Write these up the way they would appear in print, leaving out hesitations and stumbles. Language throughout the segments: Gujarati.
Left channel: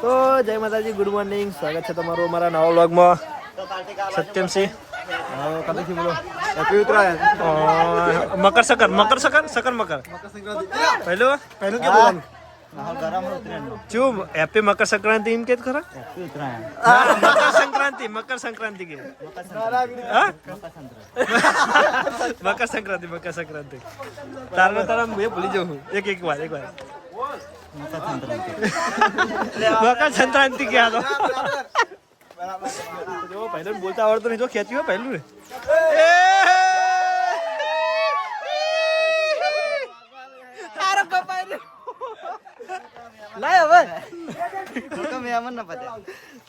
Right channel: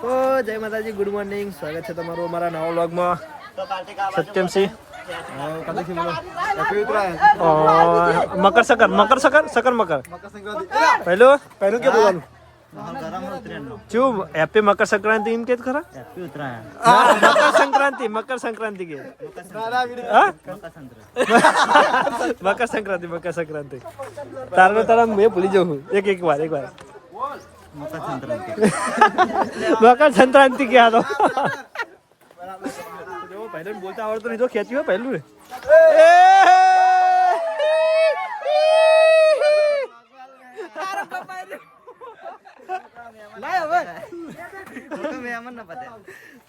તો જય માતાજી, ગુડ મોર્નિંગ, સ્વાગત છે તમારું અમારા નવા વ્લોગમાં. સત્યમસિંહ મકર પહેલું ચું હેપી મકર સંક્રાંતિ એમ કે ખરા? હા, મકર સંક્રાંતિ કે મકર સંક્રાંતિ તારે તારા મેં ભૂલી જાઉં એક વાર મકર સંક્રાંતિ ક્યાં તો જો પહેલું બોલતા આવડતું નહીં, જો ખેંચ્યું હોય પહેલું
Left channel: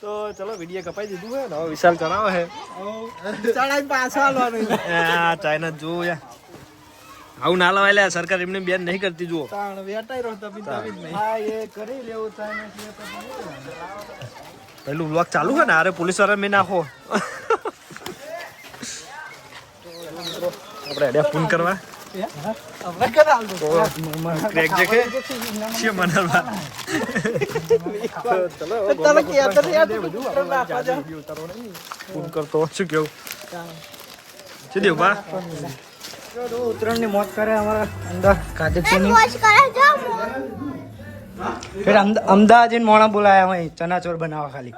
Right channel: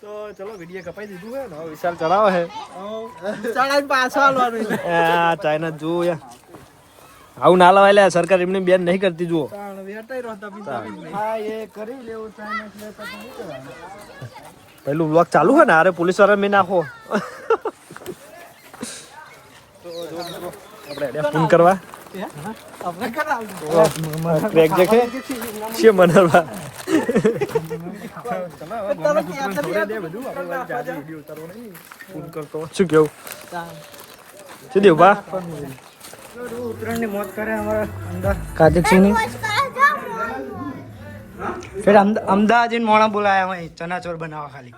તો ચલો વિડીયો કપાઈ દીધું હે ને વિશાલ કરાવો હે ચાઇના જુઓ યાર, આવું ના લવાય લે, સરકાર એમની બેન નહીં કરતી. જુઓ પેલું બ્લોક ચાલુ છે ને, અરે પોલીસ વાળા મેં નાખો. તો જો મિત્રો આપણે એડિયા ફોન કરવા ક્રેક જે છે બનાવવા. ચલો બધું આપણે જાજે વિડીયો ઉતારવો નહીં, ફોન કરતો શું કેવું શું દેવ બા ઉત્તરાયણ ની મોજ કરે અમારા અંદર કાજીની. फिर अहमदाबाद मोड़ा बुलाया वहीं चना चोर बनावा खाली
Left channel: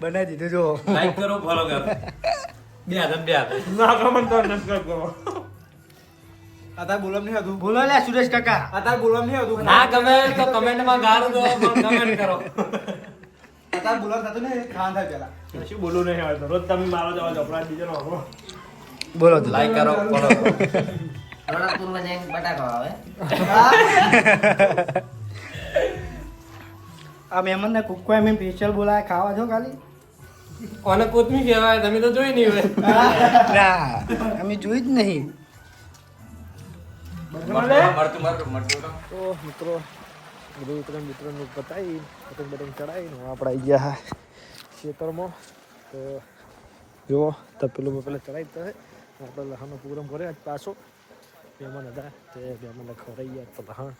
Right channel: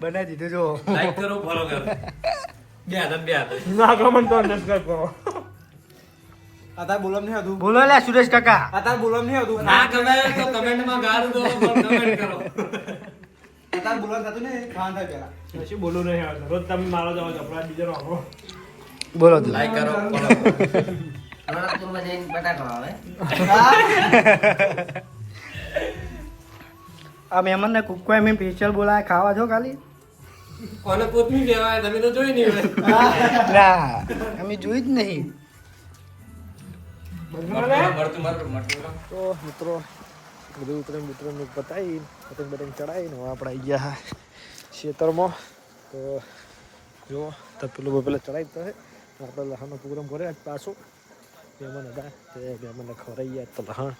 बना दीधું જો લાઈક કરો ફોલો કરો બે ના કમેન્ટ કરો આતા બોલમ નહીં હતું બોલો લે સુરેશ કાકા આતા બોલમ નહીં હતું ના ગમે તો કમેન્ટ માં ગાળ દો કમેન્ટ કરો આતા બોલમ થતું ને ખાન થાય પેલા શું બોલું નહીં આવતો રોજ તમે મારો જવા જપડા બીજો રાખો બોલો લાઈક કરો ફોલો કરો આ મહેમાન ને કુકકો એમ સ્પેશિયલ બોલાય ખાવા છો ખાલી કોને કોથમી કહેવાય, તમે તો જોઈ નહીં હોય. ના અમે જોઈ જ નહીં. તો મિત્રો બધું ઉતરણ નું પતાવી પતંગ ચડાવીને આપણે આવી ગયા ખેતરમાં. તો જુઓ તપેલું ચડાવી તો આપણે લહાનો પ્રોગ્રામ કર્યો આજ પાછો. મહેમાન હતા તે મહેમાનને ખવડાવી ગયા તો લહણ.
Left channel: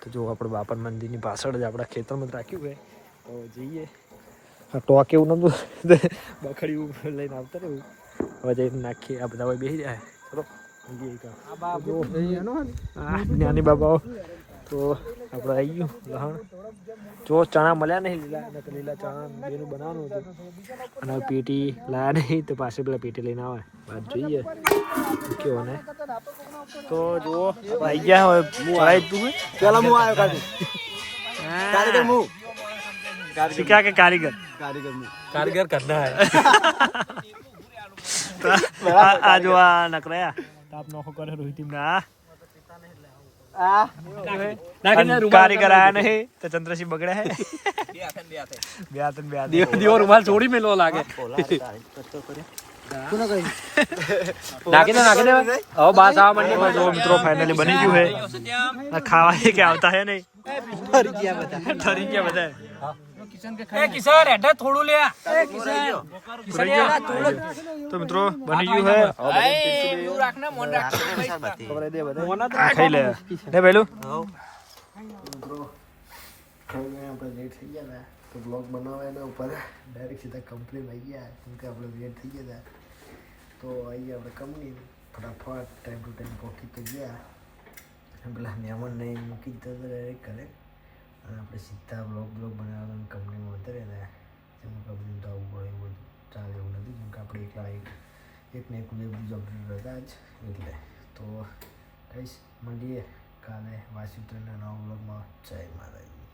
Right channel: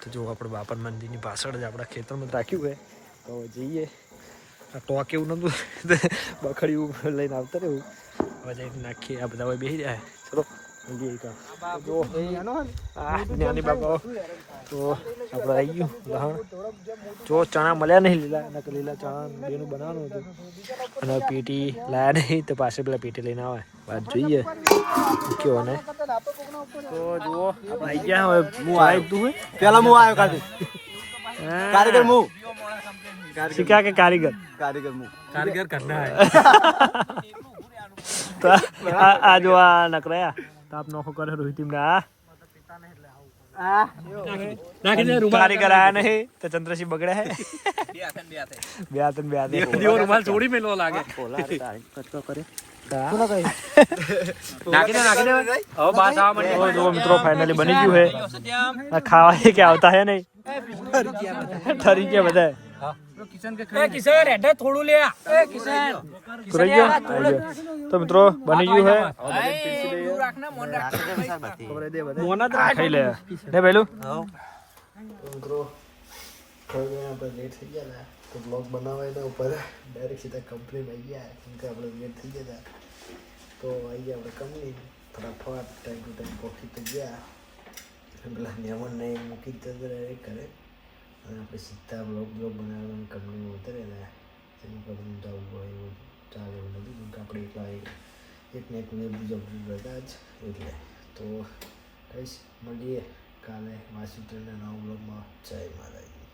તો જો આપણે બાપર મંદિરની પાછળ જ આપણા ખેતરમાં રાખ્યું હોય તો જઈએ. ટોક એવું નતું બખડ્યું લઈને આવતા રહેવું. હવે જઈને નાખીએ, આ બધા બેસી જાય. ચલો જ્ઞાની બાબાઓ. તો આપણે આવી ગયું લહણ. જો ચણા મળ્યા નહીં લીલા, લીલા ચણા બેનું બનાવવાનું હતું અને પેટી લાયા નહીં તો પાસે પેલા પેટી લઈને આવે વાત જોઈએ કેવો ને. તો જુઓ આપણે આવી ગયા. હવે હું આવી તું પેલા હું આવ્યો શીખ્યા કે કારીગર કરનાર. આ જો આ નકરાયા તાપ નોખો કરે રોહિત કારીગર આયા નહીં તો ચંદ્રસિંહ બગડ્યા હે. બે રૂમાલ છોડી મેલો લાગે. મિત્રો ફાઇનલી બની ગયું હે. ખાવા કે આવતા હે નહીં, ઠરી ગયા બધા. તો મિત્રો બની ગયું હે. ખાઈ લે પેલું મિત્રો લેટ થઈ ગયા તો બ્લોગ બનાવવા એના ઉપર ડાયરેક્ટ સીધા કંપનીમાં આવી ગયા કેમ કે આપણે લેટ થઈ ગયા હતા. તો આવી ગયા આપણે કંપની ફટાફટ ટાઈમ ટુ ટાઈમ પહોંચી તો ગયા. પેલા મહેમાનને મૂકી દીધા ડાયરેક્ટ કરે અને આપણે સીધા બ્લોગ બનાવવાનું કંપનીમાં ઉતરેલા. એનું કંપની તો આવું હોય એવું ચાલે એવું નથી કેમ કે આપણે એકલા એકને એક બીજા હતા જ એટલે. તો કહીશ મળીએ કાલે વાસી ટ્રેનના નવા બ્લોગમાં. જય માતાજી.